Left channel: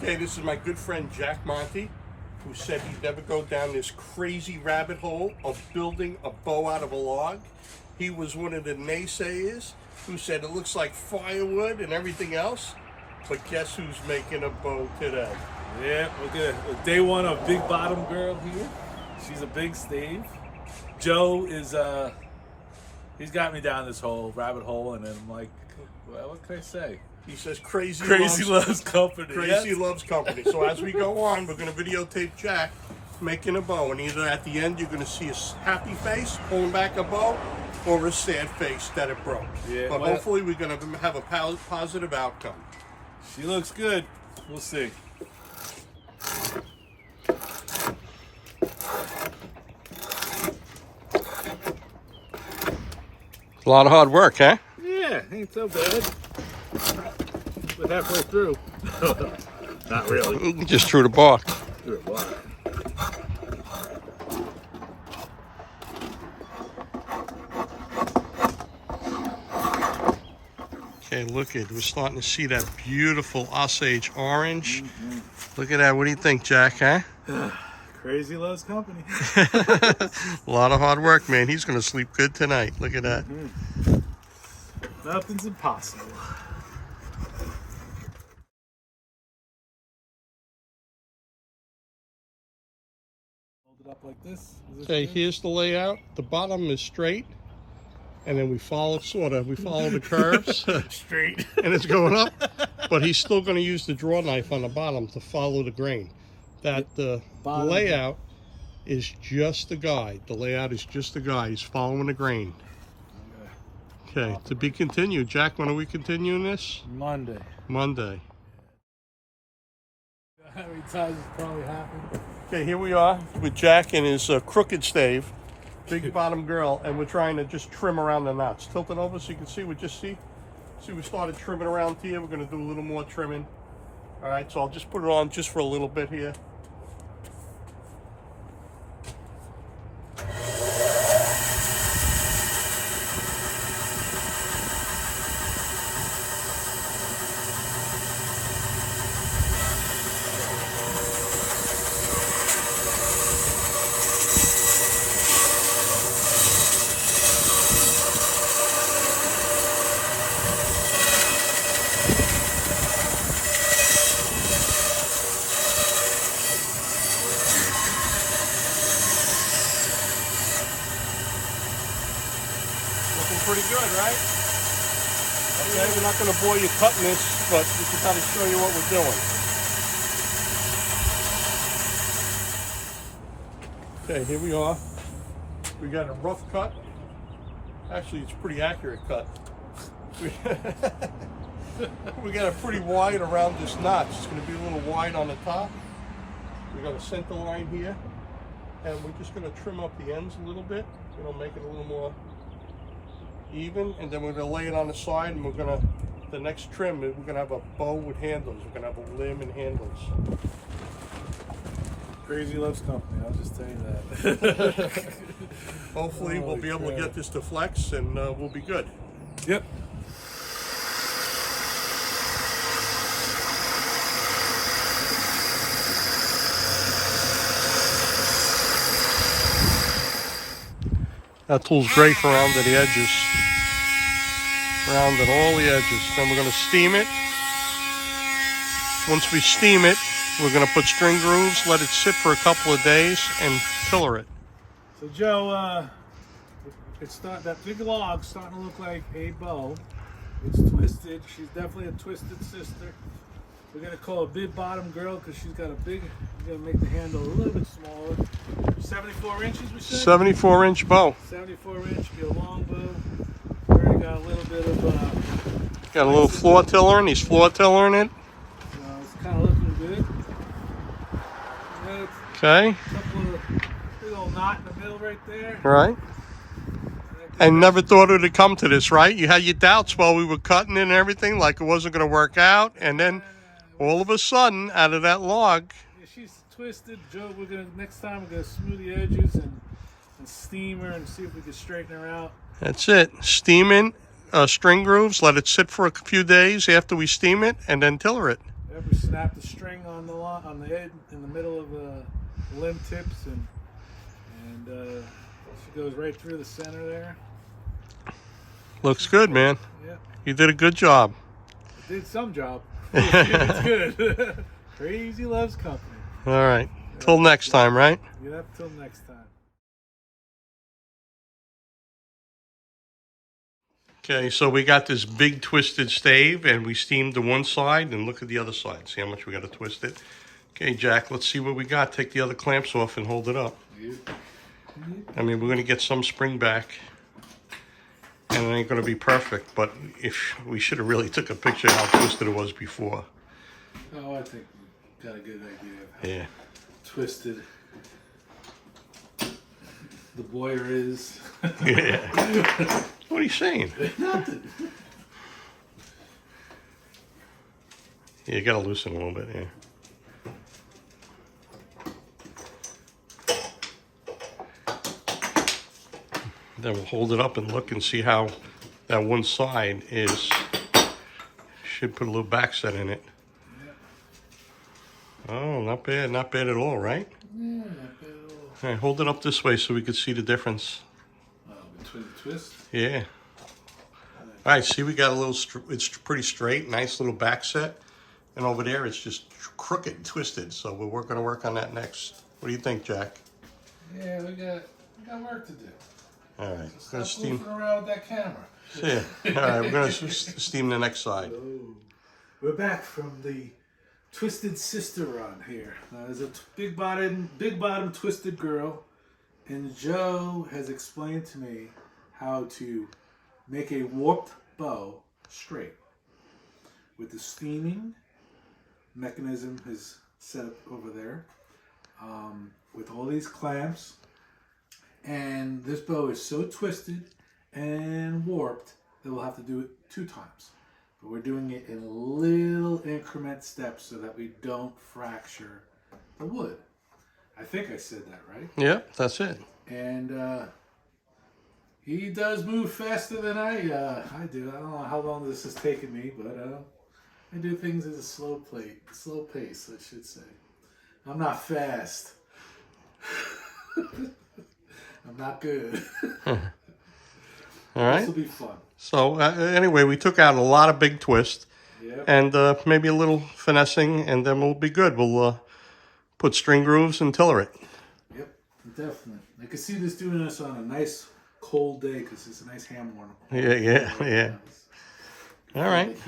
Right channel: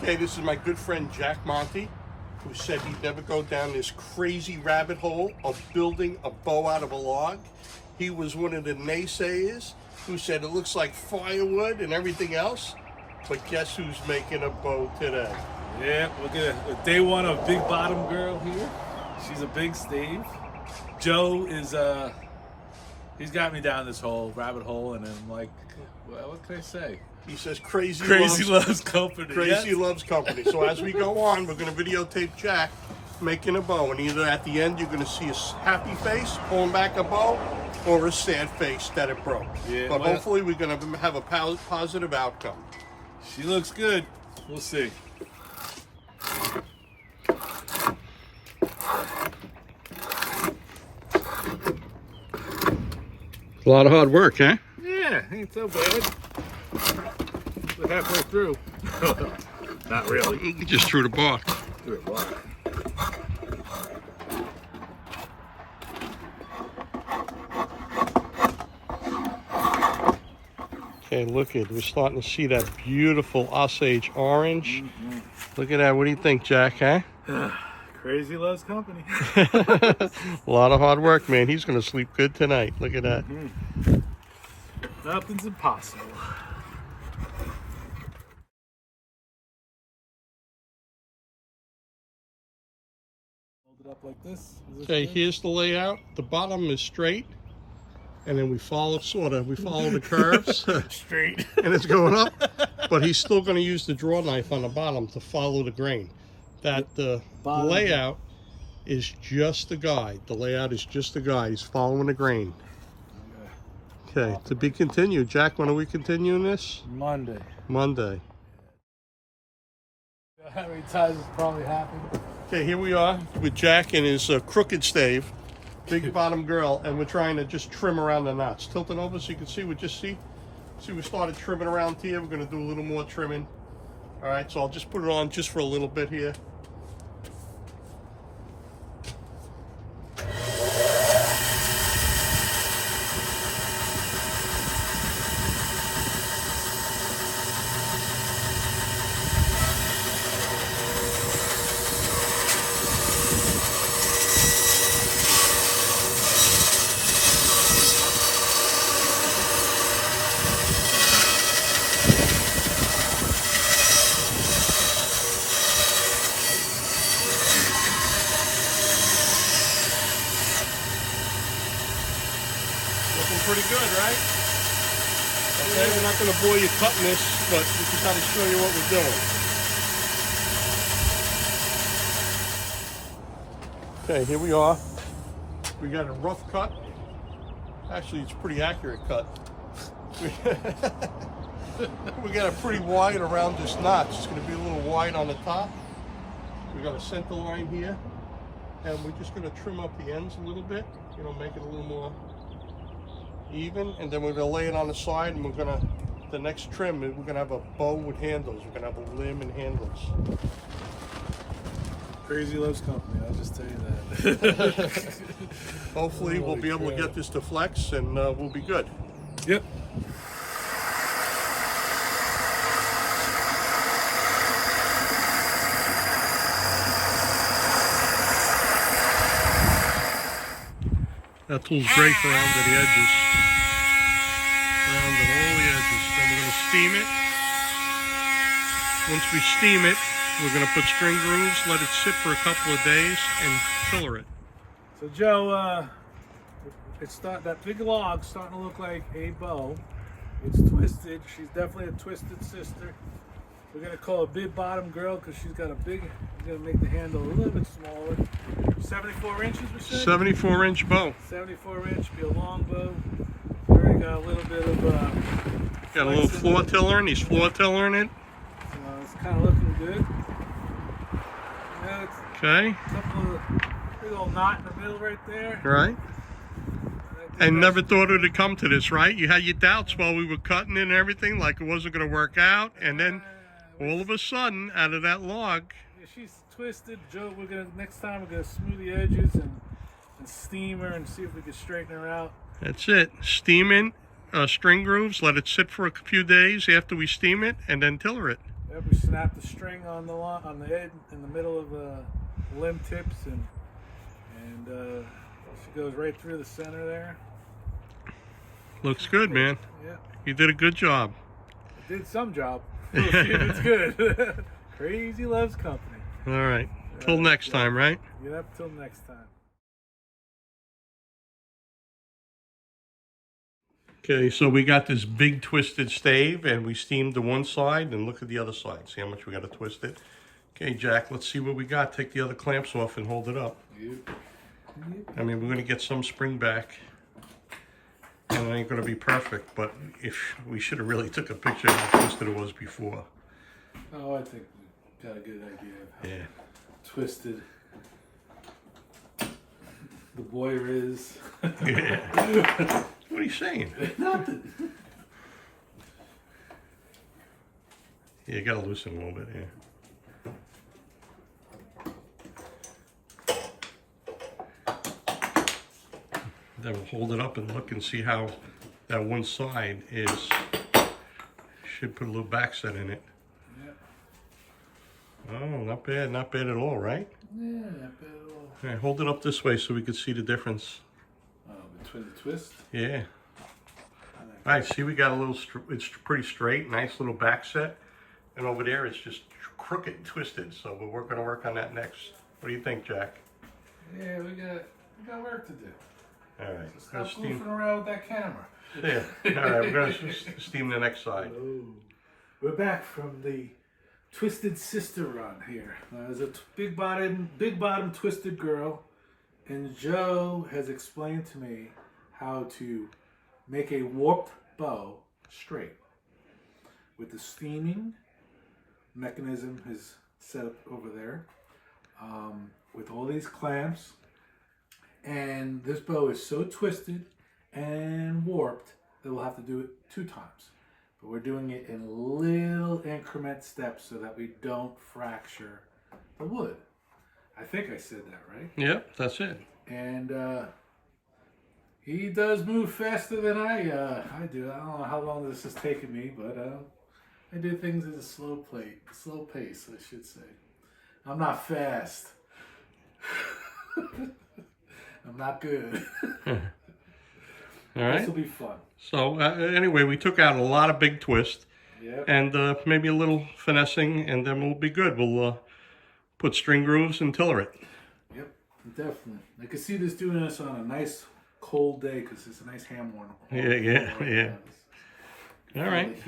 Okay, this is my good friend Jack Monti, who said he'd never go down this crazy rabbit hole of building a bow out of a log. He was one of the naysayers who said it looks like firewood and everything else. But guess who's making a bow today? Yeah, look at day one of Big Bottom Girl here. She's a big stave. Joe is he's got me down this whole rabbit hole, and then I'm like, well, what can I say? He says crazy loves company. Crazy loves company. So as we go on, we're going to videotape Jack making a bow, and either at the end you're going to see a happy face pulling back a bow, or a sad face that it broke. Yeah, but well, hopefully we're going to have a positive outcome. She looks good. We'll see. A lot of hard work, huh? Yeah, ain't so bad. We're halfway through. Not really. You just threw the bark. Threw it bark. Okay, look at, we're starting to see that beautiful Osage orange. Look at that. What do you think, Jack, huh? Crazy loves company. A lot of hard work, man. He's going to sleep good tonight. Look at that. Nothing's impossible. Hold it up like this. Okay, here's the layout. The bottom is straight, and then we follow the curves. Straight. And it's going up, but he's still going to use the draw knife on the bottom to follow the grain. That the layout is just the guide. The layout is just the guide. He's following the grain. Okay, to be continued. Jack, when are we continuing this? Monday. Monday. How many times it's probably happened? Okay, here we are with Jack and his crooked stave, Big Bottom Girl, and we're trying to just trim around the knots. Tilt it over so you can see. See, we started trimming around here. We're going to do a little more trimming. All right, so I'll just put it on just for a little bit here. Looking pretty good, right? Okay, we're not going to bore you cutting this, but we can kind of show you what we're doing. Okay, here we are. We got a rough cut. Actually, it's a pretty accurate cut. We got a pretty wide around this notch. It's going to be a little wide on the top. We got a center line here, and we're just going to trim up the ends a little bit, you know, make it a little more even, and then we're going to lay it on the side, and the next trim, we're going to have a bow with handles. We're going to have a limb and handles. Crazy loves company, I'll just tell you that. Hopefully we'll be able to get this to flex, and we'll be good. Yep. That tool's great for rounding the edges. Rounding all the edges. Then we're going to steam it. Once we steam it, we're going to put string grooves, let it sit for a couple of days, and tiller it. So Joe, that big log's starting to look like a bow. It's twisted. She's definitely a twisted sister. We're gonna call her Big Bottom Girl because she's got we're gonna make the handle a little bit smaller. 74 inches, we said? 74-inch bow. 74-inch, be a long bow. We already got a little bit of Got a little floor tillering. He's floor tillering it. So it's kind of looking good. It's Okay. a couple of big old knot in the middle right there. Right. And never thought it would come to this, right? You had your doubts while we were cutting it and everything, like it wasn't going to work out. And then all of a sudden, out of that log. She's twisted. Joe, next time we're going to smooth the edges and steam her and see if we can straighten her out. That's it. Steam in string grooves, let it sit for a few days after we steam it, and then tiller it. Yep. Yep, we snap the string on the end in the middle of the limb tips, and she goes right through the center there. Looks good, man. Yep. You did a good job. I did some job. We'll see if it's good. Crazy loves company. All right. Till next time, right? Yep, till next time. Okay, so we got this big twisted stave, and we steamed the one side, and look at the other side. See how much we got to twist it? Okay, Jack, let's see what we got. Take the other clamps off and hold it up. I mean, we're going to get some spring back, and it ain't going to be perfect, but if we should have really took a picture of how twisted it was before. Oh, I think we got a good idea of how twisted the boiler is. Yeah. What are you saying? Nothing. Yeah, you got to loosen a little bit, yeah. Then we'll hold it up and look and see how that one side is. Should put a little back set in it. Yep. Oh, not bad at all, right? Yeah, not bad at all. All right, hold it up this way so we can see the difference. Oh, between the twists? Yeah. All right, see, we got a little, it's pretty straight, nice little back set. And over there, it's just crooked and twisted. So we're going to work on that next. What do you think, Jack? Yeah, we got work to do. All right. So stop goofing around with that camera. Yeah. All right, we're going to steam the next side. Oh. We're back from the Twisted Sister run here. There's a big bottom twisted girl, and Joe has explained to me how to make a warped bow straight with the steaming mechanism is set up over there with all these clamps, and this bow is so twisted and warped that we'll have to do it 2 times. But we're doing it in little increment steps so that we don't fracture the wood. I think I said that right. Yep, that's it. And he does move faster than I do. I don't know how long this has taken me, but I do things at a slow pace, I should say. I'm not fast. I'm not good. All right. This will be fun. So anyway, we took out a lot of big twist, and maybe a little finessing, and then we'll be good. We'll put string grooves and tiller it. Yep, definitely. I can see this doing this on a nice cold day because it's a nice ham warmer. Yeah. All right.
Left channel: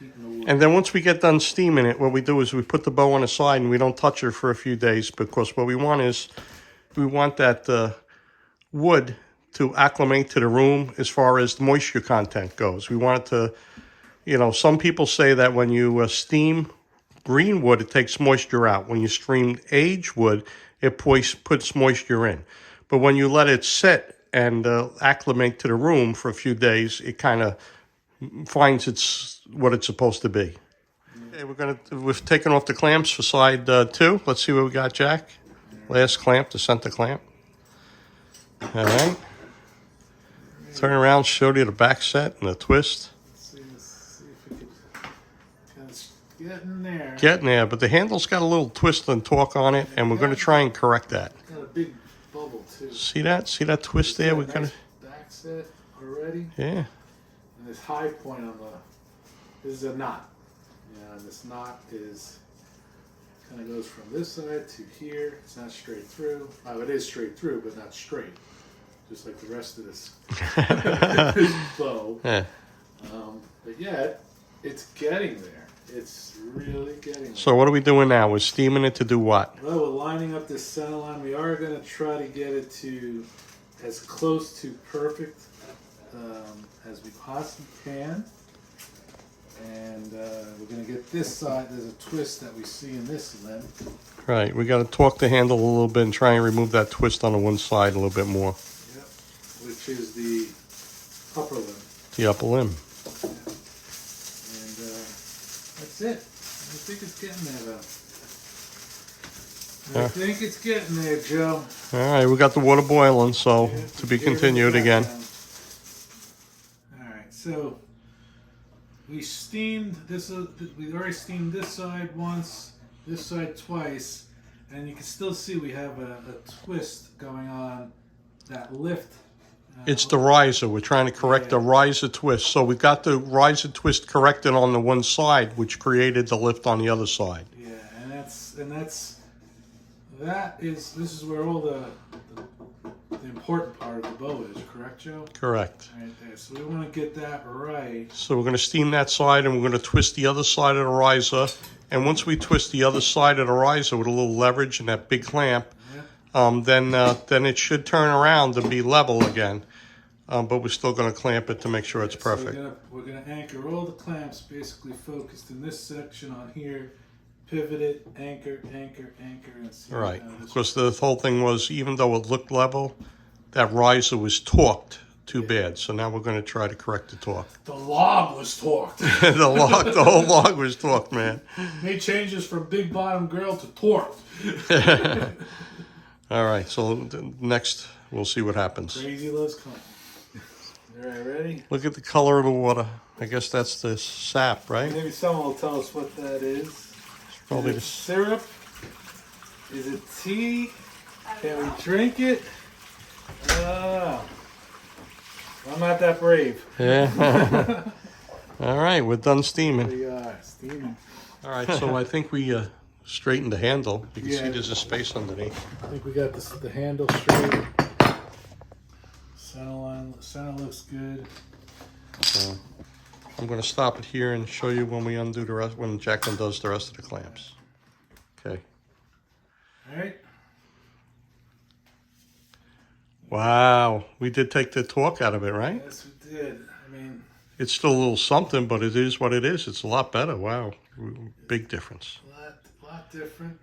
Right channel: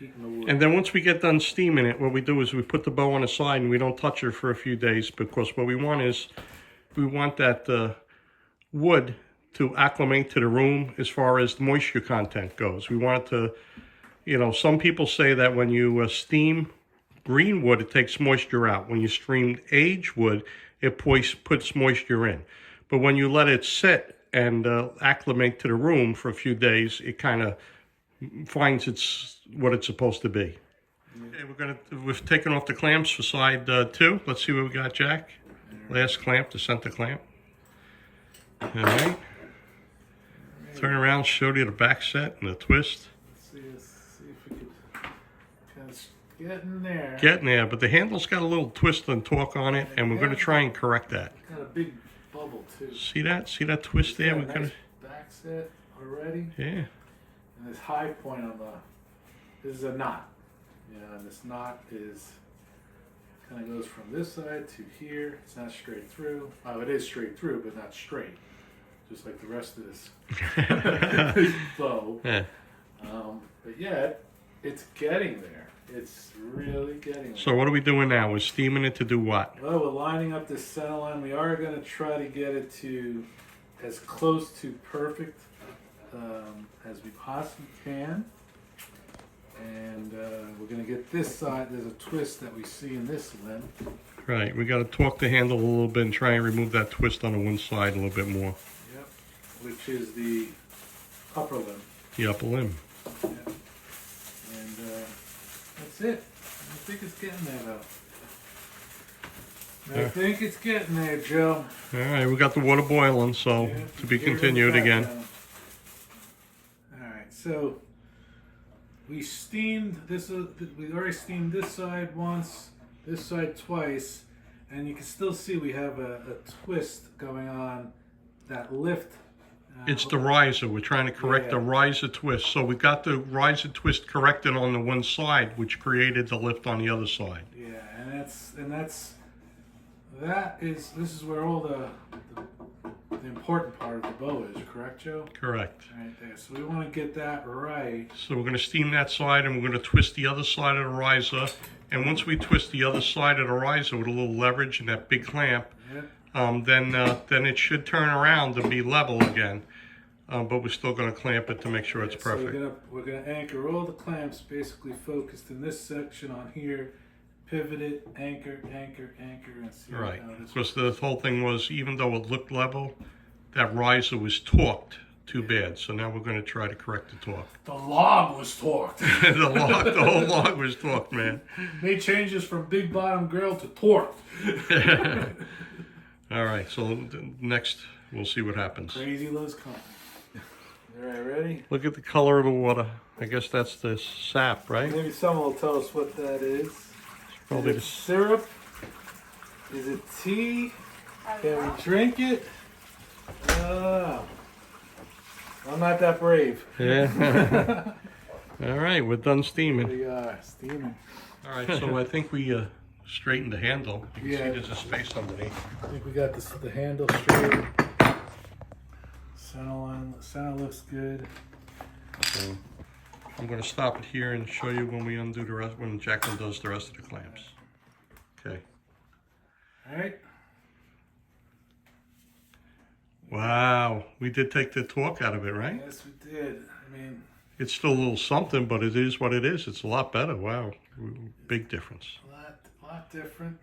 And then once we get done steaming it, what we do is we put the bow on the side and we don't touch her for a few days, because what we want is we want that wood to acclimate to the room as far as the moisture content goes. We want it to, some people say that when you steam green wood, it takes moisture out. When you steam aged wood, it puts moisture in. But when you let it sit and acclimate to the room for a few days, it kind of finds what it's supposed to be. Okay, we've taken off the clamps for side 2. Let's see what we got, Jack. Last clamp, the center clamp. All right. Turn around, show you the back set and the twist. Let's see if we can get in there. Getting there, but the handle's got a little twist and torque on it, and we're going to try and correct that. Got a big bubble too. See that? See that twist there? We're nice gonna back set already. Yeah. And this high point on this is a knot. And this knot kind of goes from this side to here. It's not straight through. Oh, it is straight through, but not straight. Just like the rest of this, this bow. Yeah. But yeah, it's getting there. It's really getting there. So what are we doing now? We're steaming it to do what? Well, we're lining up this center line. We are going to try to get it to as close to perfect as we possibly can. And we're going to get this side. There's a twist that we see in this limb. Right. We got to torque the handle a little bit and try and remove that twist on the one side a little bit more. Yep. Which is the upper limb. The upper limb. Yeah. And that's it. I think it's getting there, though. I think it's getting there, Joe. All right. We got the water boiling, so to be continued again. All right. So we steamed this. We already steamed this side once, this side twice, and you can still see we have a twist going on. That lift. It's the riser. We're trying to correct the riser twist. So we got the riser twist corrected on the one side, which created the lift on the other side. Yeah, and this is where all the important part of the bow is, correct, Joe? Correct. Right there. So we want to get that right. So we're going to steam that side, and we're going to twist the other side of the riser. And once we twist the other side of the riser with a little leverage and that big clamp, then it should turn around to be level again. But we're still going to clamp it to make sure it's perfect. So we're gonna anchor all the clamps basically focused in this section on here. Pivot it, anchor, anchor, anchor, and see. Right. Because the whole thing was, even though it looked level, that riser was torqued too bad. So now we're going to try to correct the torque. The log was torqued. The whole log was torqued, man. Made changes from big bottom grill to torqued. All right. So next, we'll see what happens. Crazy loves company. All right, ready? Look at the color of the water. I guess that's the sap, right? Maybe someone will tell us what that is. Probably is it syrup? Is it tea? Can we drink it? I'm not that brave. Yeah. All right, we're done steaming. We are steaming. All right, so I think we straightened the handle. You can see there's a space underneath. I think we got the handle straight. Center looks good. So I'm going to stop it here and show you when we undo the rest, when Jacqueline does the rest of the clamps. Okay. All right. Wow, we did take the torque out of it, right? Yes, we did. I mean, it's still a little something, but it is what it is. It's a lot better. Wow, big difference. A lot different.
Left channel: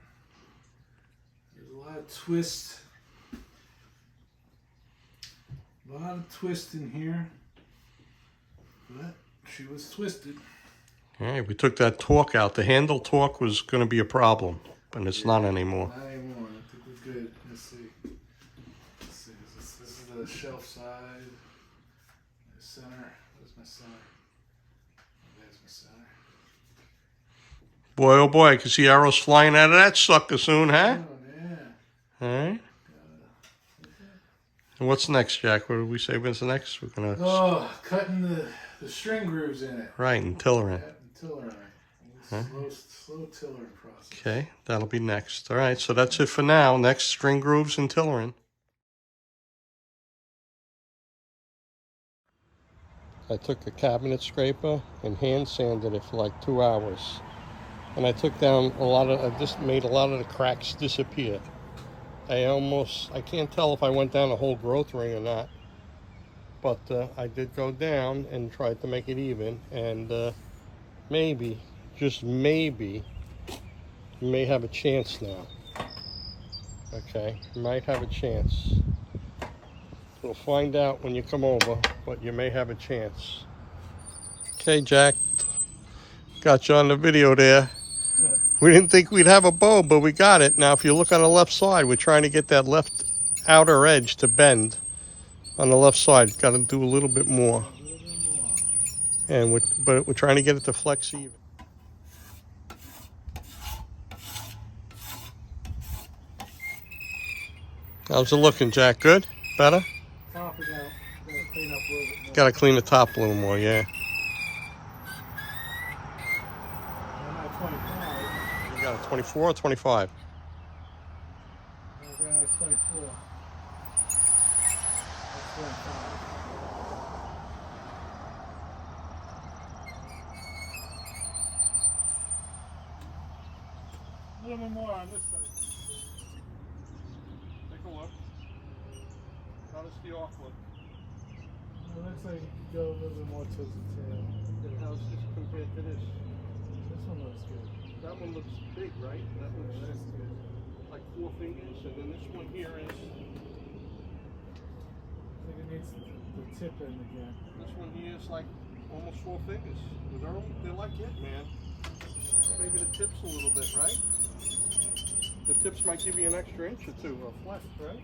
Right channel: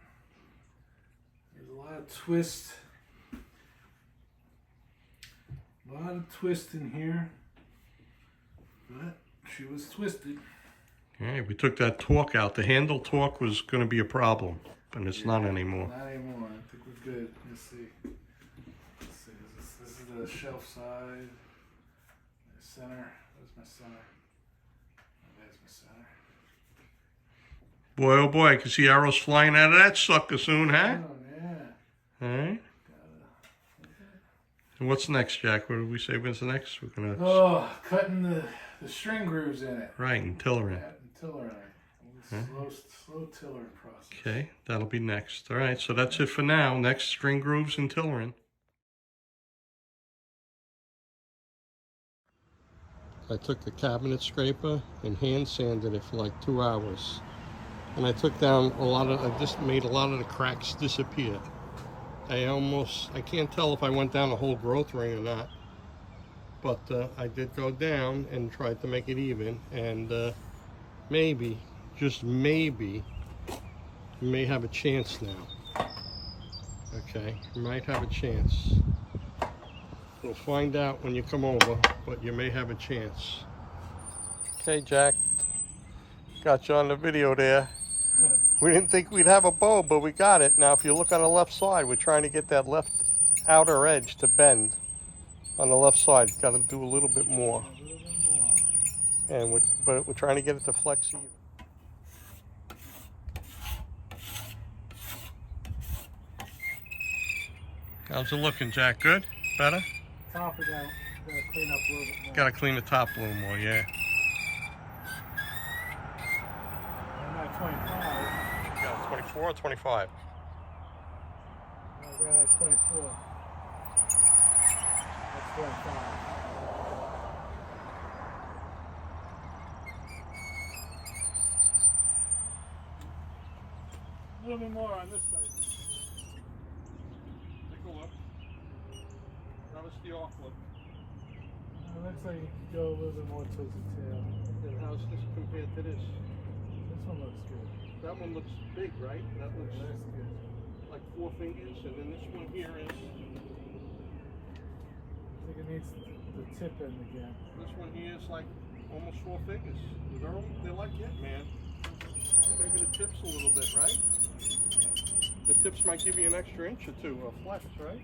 There's a lot of twist. A lot of twist in here, but she was twisted. All right, we took that torque out. The handle torque was going to be a problem, but it's not anymore. Not anymore. I think we're good. Let's see. This is the shelf side. The center. Where's my center? There's my center. Boy, oh boy, I can see arrows flying out of that sucker soon, huh? Oh, yeah. All right. And what's next, Jack? What did we say was next? We're gonna cutting the string grooves in it. Right, and tillering. Tillering. Slow tillering process. Okay, that'll be next. All right, so that's it for now. Next, string grooves and tillering. I took the cabinet scraper and hand sanded it for like 2 hours. And I took down I just made a lot of the cracks disappear. I can't tell if I went down the whole growth ring or not, but I did go down and tried to make it even, and maybe, just maybe, you may have a chance now. Okay, you might have a chance. We'll find out when you come over, but you may have a chance. Okay, Jack, got you on the video there. We didn't think we'd have a bow, but we got it. Now, if you look on the left side, we're trying to get that left outer edge to bend on the left side. Got to do a little bit more. And but we're trying to get it to flex even. How's it looking, Jack? Good? Better? Top it out. Gotta clean up a little bit more. Got to clean the top a little more, yeah. I'm at 25. You got a 24 or 25? I got a 24. That's 25. A little bit more on this side. Take a look. How does the arc look? It looks like you could go a little bit more towards the tail. And how's this compared to this? This one looks good. That one looks big, right? That looks That's good. like 4 fingers, and then this one here is... I think it needs the tip end again. This one here is like almost 4 fingers. They're like it, man. Maybe the tip's a little bit, right? The tips might give you an extra inch or 2 of flex, right?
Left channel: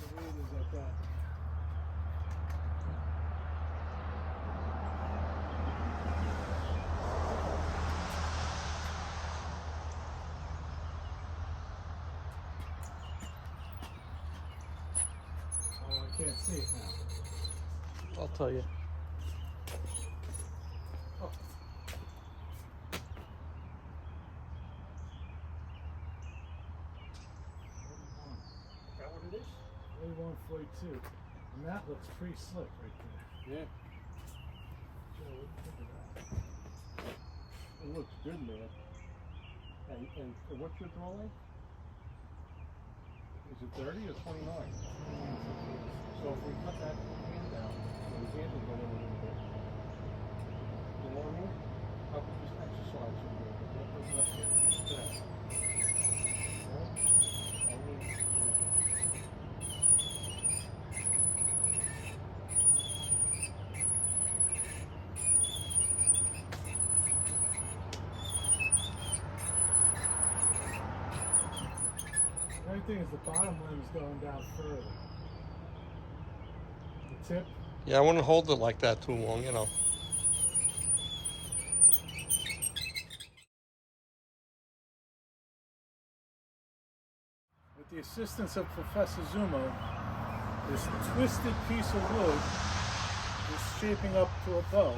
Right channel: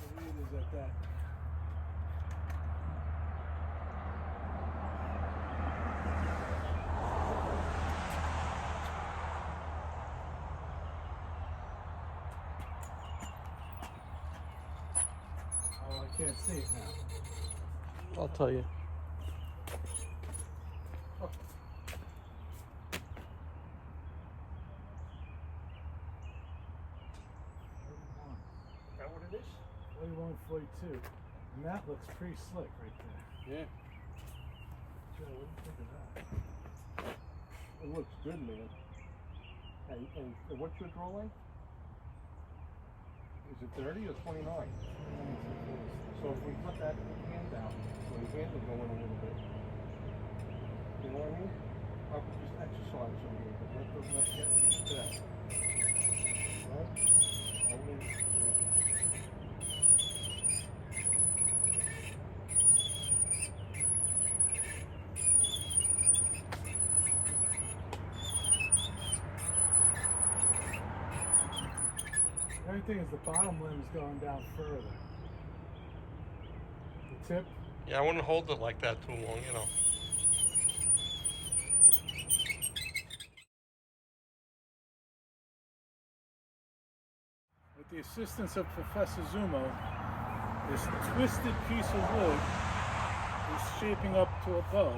The weed is at that. Oh, I can't see it now. I'll tell you. Oh. Is that what it is? 41, 42. And that looks pretty slick right there. Yeah. Joe, what do you think of that? It looks good, man. And what's your draw length? Is it 30 or 29? So if we cut that hand down, so his hand will go in a little bit. You know what I mean? I was just exercising a little bit. Let's get used to that. Right? Only, The only thing is the bottom limb is going down further. The tip. yeah, I wouldn't hold it like that too long, you know. With the assistance of Professor Zummo, this twisted piece of wood is shaping up to a bow.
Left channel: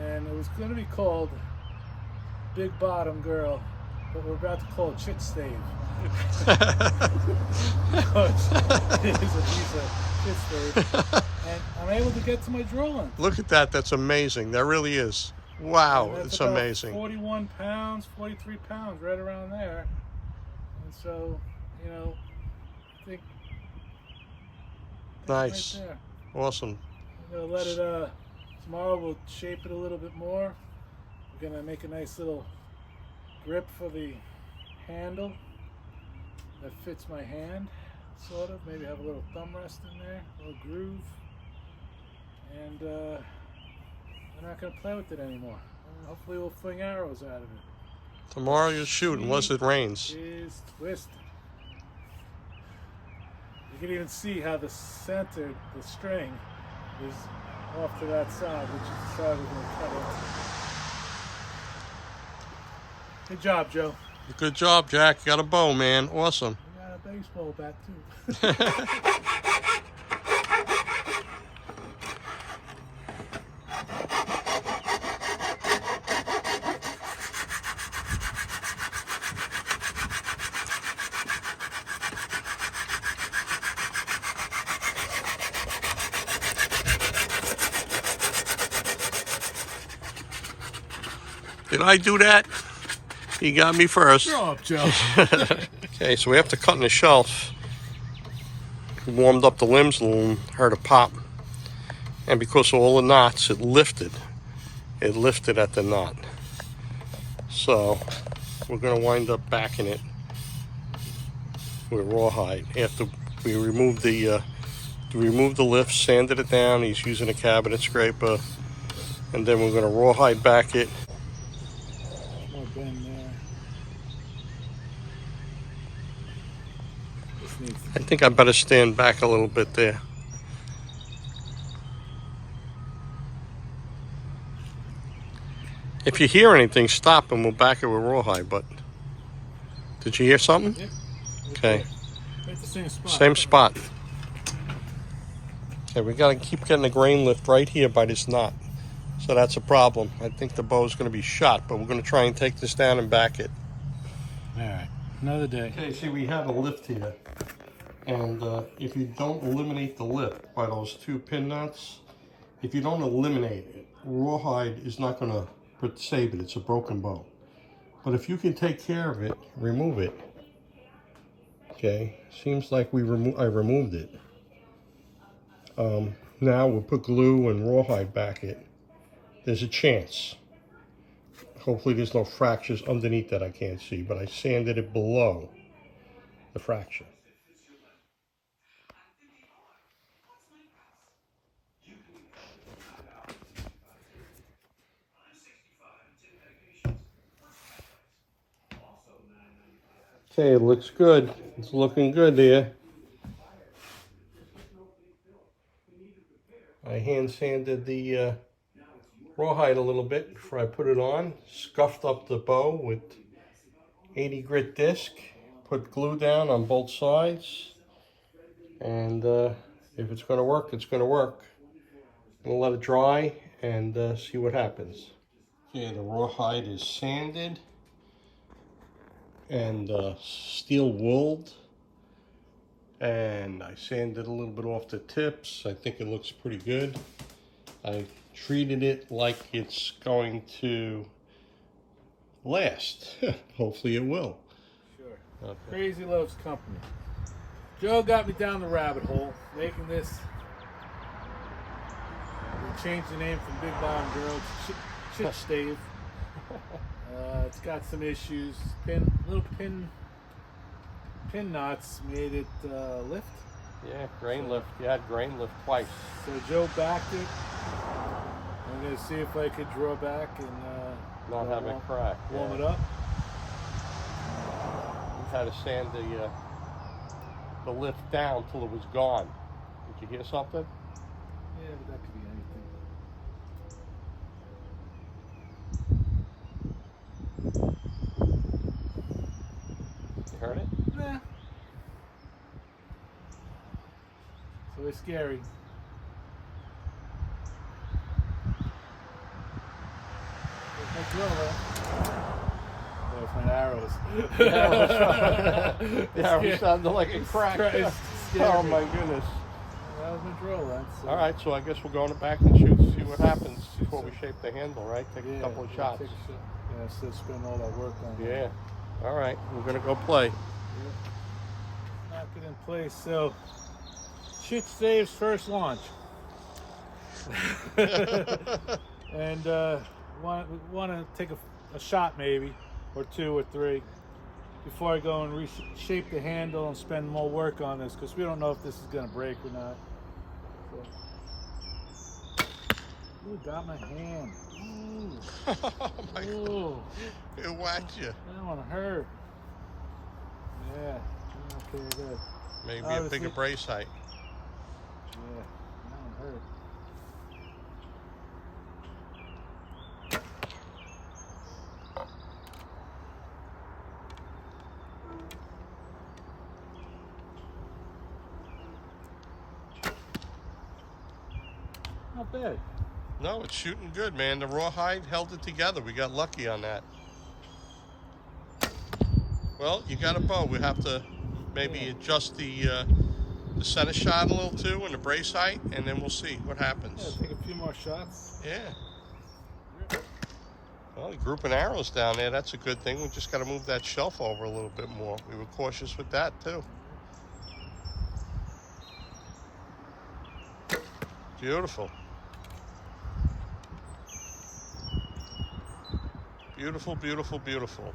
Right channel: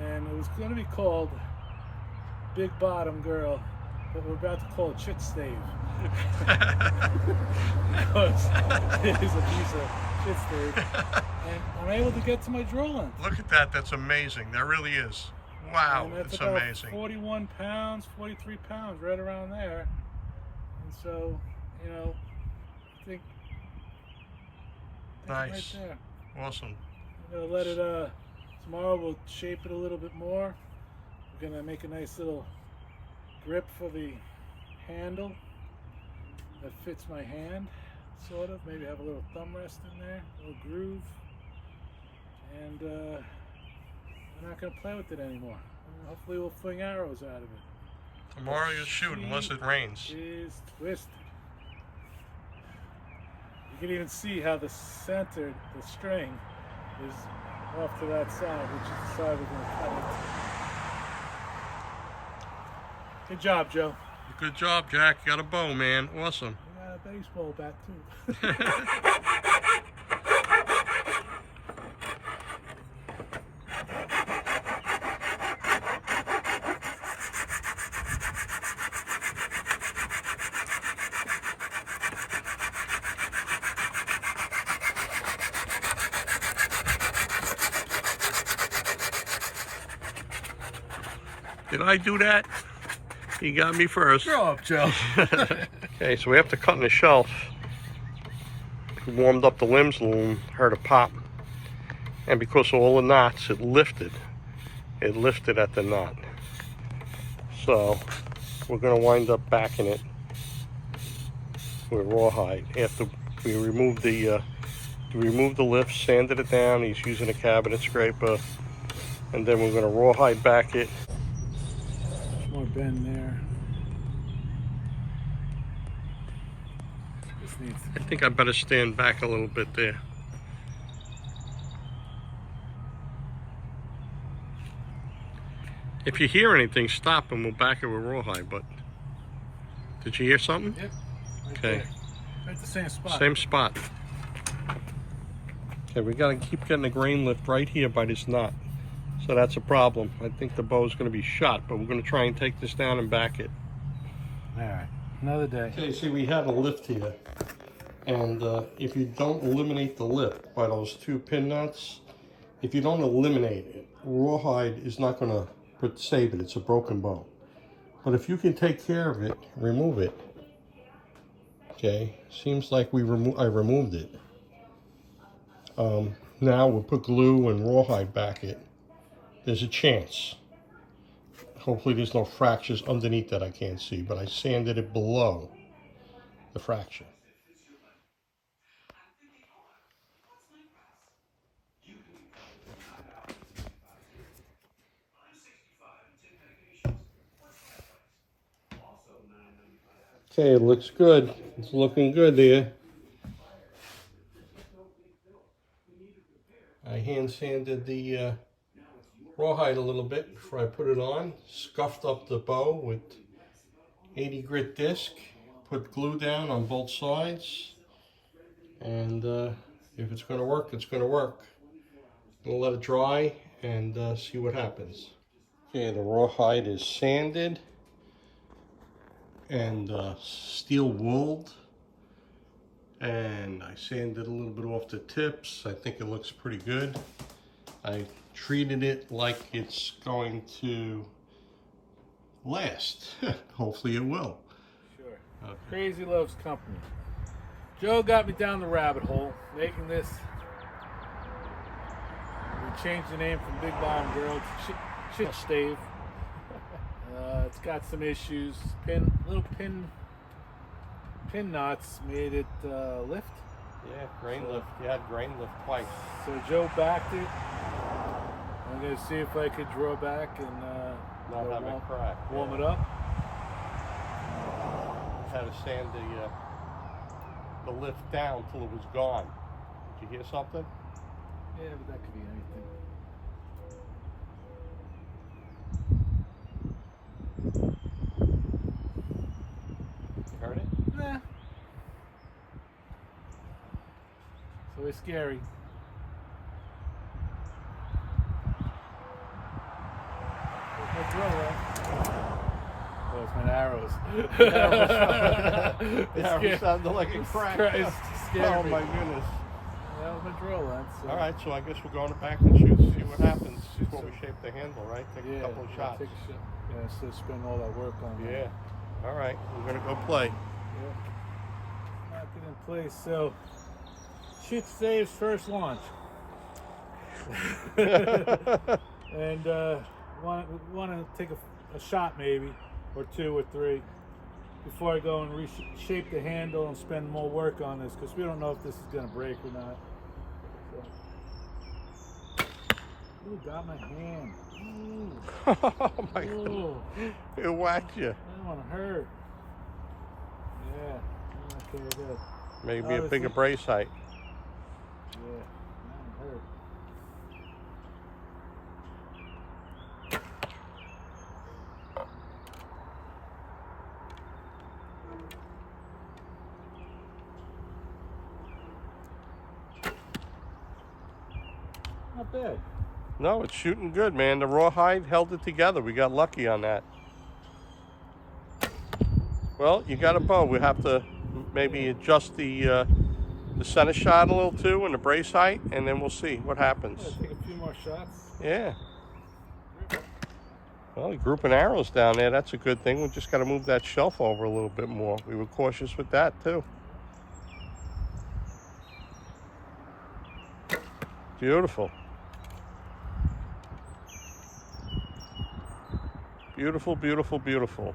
And it was going to be called Big Bottom Girl, but we're about to call it Chit Stave. Because it is a piece of shit stave. And I'm able to get to my draw length. Look at that. That's amazing. That really is. Wow. And that's It's about amazing. 41 pounds, 43 pounds, right around there. And so, you know, I think Nice. right there. Awesome. I'm gonna let it, tomorrow we'll shape it a little bit more. We're gonna make a nice little grip for the handle that fits my hand, sort of. Maybe have a little thumb rest in there, a little groove. And we're not gonna play with it anymore. Hopefully we'll fling arrows out of it. Tomorrow you're shooting unless it rains. Is twisted. You can even see how the center, the string, is off to that side, which is the side we're going to cut into. Good job, Joe. Good job, Jack. You got a bow, man. Awesome. We got a baseball bat, too. Did I do that? He got me first. Grow up, Joe. Okay, so we have to cut in the shelf. We warmed up the limbs a little, heard a pop. And because of all the knots, it lifted. It lifted at the knot. So we're gonna wind up backing it with rawhide. After we removed the lift, sanded it down, he's using a cabinet scraper. And then we're gonna rawhide back it. More bend there. I think I better stand back a little bit there. If you hear anything, stop and we'll back it with rawhide. But did you hear something? Yep. Right Okay. there. Right the same spot. Same spot. Okay, we gotta keep getting the grain lift right here by this knot. So that's a problem. I think the bow's gonna be shot, but we're gonna try and take this down and back it. All right. Another day. Okay, see, we had a lift here. And if you don't eliminate the lift by those two pin nuts, if you don't eliminate it, rawhide is not gonna save it. It's a broken bow. But if you can take care of it, remove it. Okay, seems like I removed it. Now we'll put glue and rawhide back it. There's a chance. Hopefully there's no fractures underneath that I can't see, but I sanded it below the fracture. Okay, it looks good. It's looking good there. I hand sanded the rawhide a little bit before I put it on. Scuffed up the bow with 80 grit disc. Put glue down on both sides. And if it's going to work, it's going to work. I'm going to let it dry and see what happens. Okay, the rawhide is sanded and steel wooled. And I sanded a little bit off the tips. I think it looks pretty good. I treated it like it's going to last. Hopefully it will. Sure. Okay. Crazy loves company. Joe got me down the rabbit hole, making this. We changed the name from Big Bottom Girl to Chit Stave. It's got some issues. Little pin knots made it lift. Yeah, grain lift. You had grain lift twice. So Joe backed it. I'm gonna see if I could draw back and Not have it crack. warm it up. Had to sand the lift down till it was gone. Did you hear something? Yeah, but that could be anything. You heard it? Nah. It's always scary. Where's my drill at? Oh, it's my arrows. It sounded like a crack. It's scared Oh me. my goodness. That was my drill then. So. All right, so I guess we're going back and shoot, see what happens before we shape the handle, right? Take a couple of shots. Take a shot. Yeah, instead of spending all that work on Yeah. that. All right, we're gonna go play. Yep. Knock it in place. So, Chit Stave's first launch. And want to take a shot maybe, or two or three, before I go and reshape the handle and spend more work on this, because we don't know if this is going to break or not. So. Ooh, got my hand. Ooh. Oh my Ooh. God. It whacked you. That one hurt. Yeah. Okay, good. Maybe Obviously. a bigger brace height. Yeah, that one hurt. Not bad. No, it's shooting good, man. The rawhide held it together. We got lucky on that. Well, you got a bow. We have to maybe adjust the center shot a little too and the brace height, and then we'll see what happens. Yeah, take a few more shots. Yeah. Well, grouping arrows down there, that's a good thing. We just got to move that shelf over a little bit more. We were cautious with that too. Beautiful. Beautiful, beautiful, beautiful.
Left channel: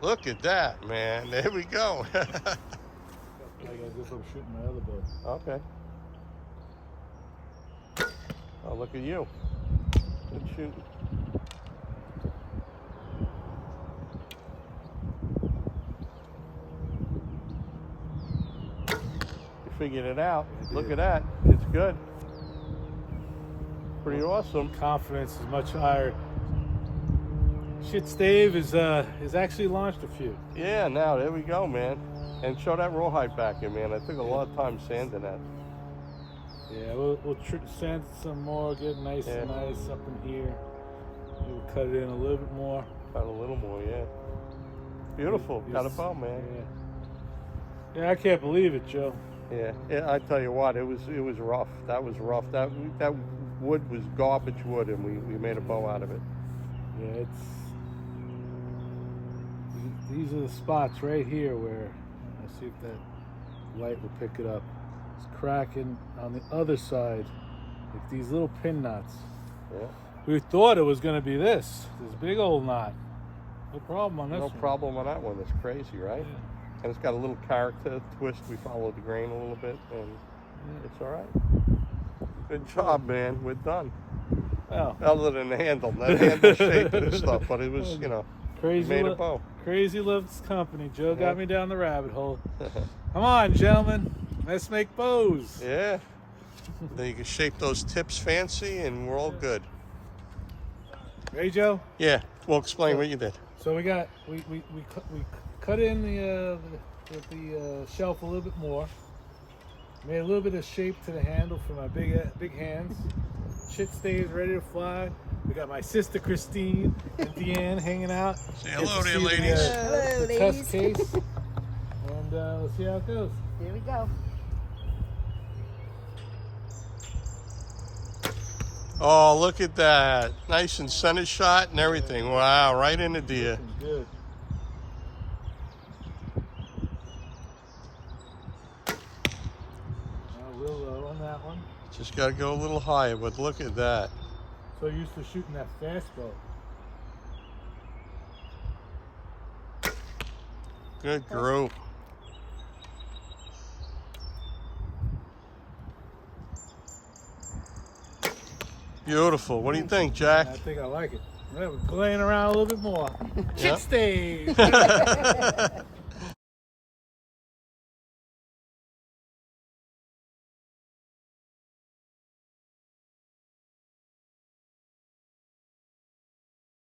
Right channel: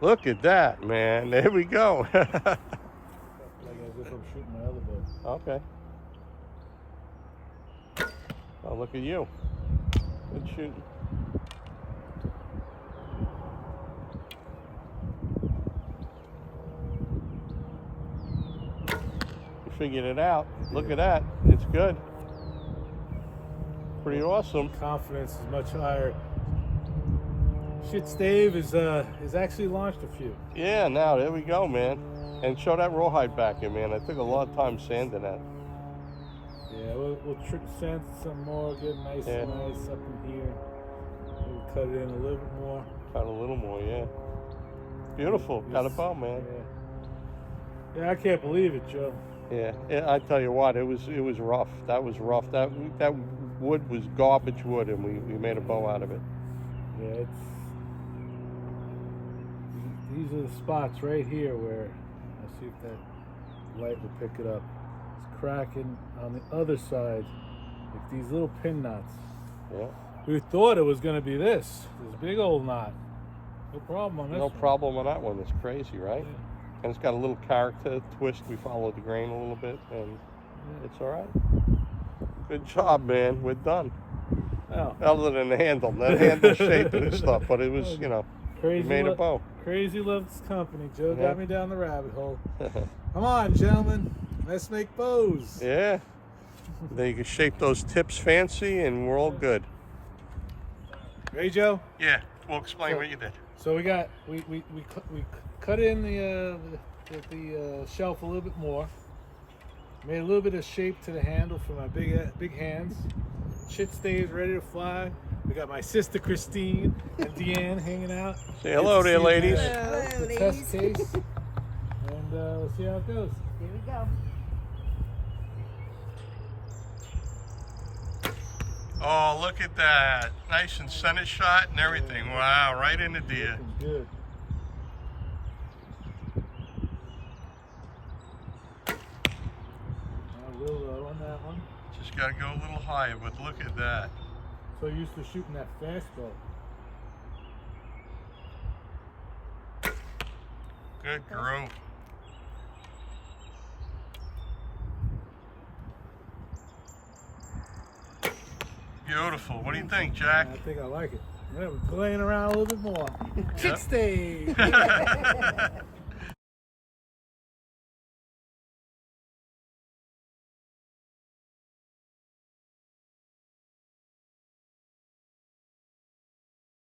Look at that, man. There we go. Like as if I'm shooting my other bow. Okay. Oh, look at you. Good shooting. You figured it out. Look at that. It's good. Pretty awesome. Confidence is much higher. Chit Stave is actually launched a few. Yeah, now there we go, man. And show that rawhide back in, man. I took a lot of time sanding that. Yeah, we'll sand some more, get nice and nice up in here. We'll cut it in a little bit more. Got a little more, yeah. Beautiful. Got a bow, man. Yeah, I can't believe it, Joe. Yeah, I tell you what, it was rough. That was rough. That wood was garbage wood, and we made a bow out of it. Yeah, these are the spots right here where, let's see if that light will pick it up. It's cracking on the other side, like these little pin knots. Yeah. We thought it was going to be this big old knot. No problem on this No one. problem on that one. That's crazy, right? Yeah. And it's got a little character twist. We followed the grain a little bit, and it's all right. Good job, man. We're done. Well, Other than the handle, the handle shape and stuff, but it was, you know. Made a bow. Crazy loves company. Joe got me down the rabbit hole. Come on, gentlemen. Let's make bows. Yeah. They can shape those tips fancy, and we're all good. Ready, Joe? Yeah. Well, explain what you did. So we cut in the shelf a little bit more. Made a little bit of shape to the handle for my big hands. Shit stays ready to fly. We got my sister Christine and Deanne hanging out. Say hello there, ladies. The test case. And let's see how it goes. Here we go. Oh, look at that. Nice and center shot and everything. Wow, right in the deer. Looking good. A little low on that one. Just got to go a little higher, but look at that. So used to shooting that fast bow. Good group. Beautiful. What do you think, Jack? I think I like it. We're playing around a little bit more. Shit Yep. stays.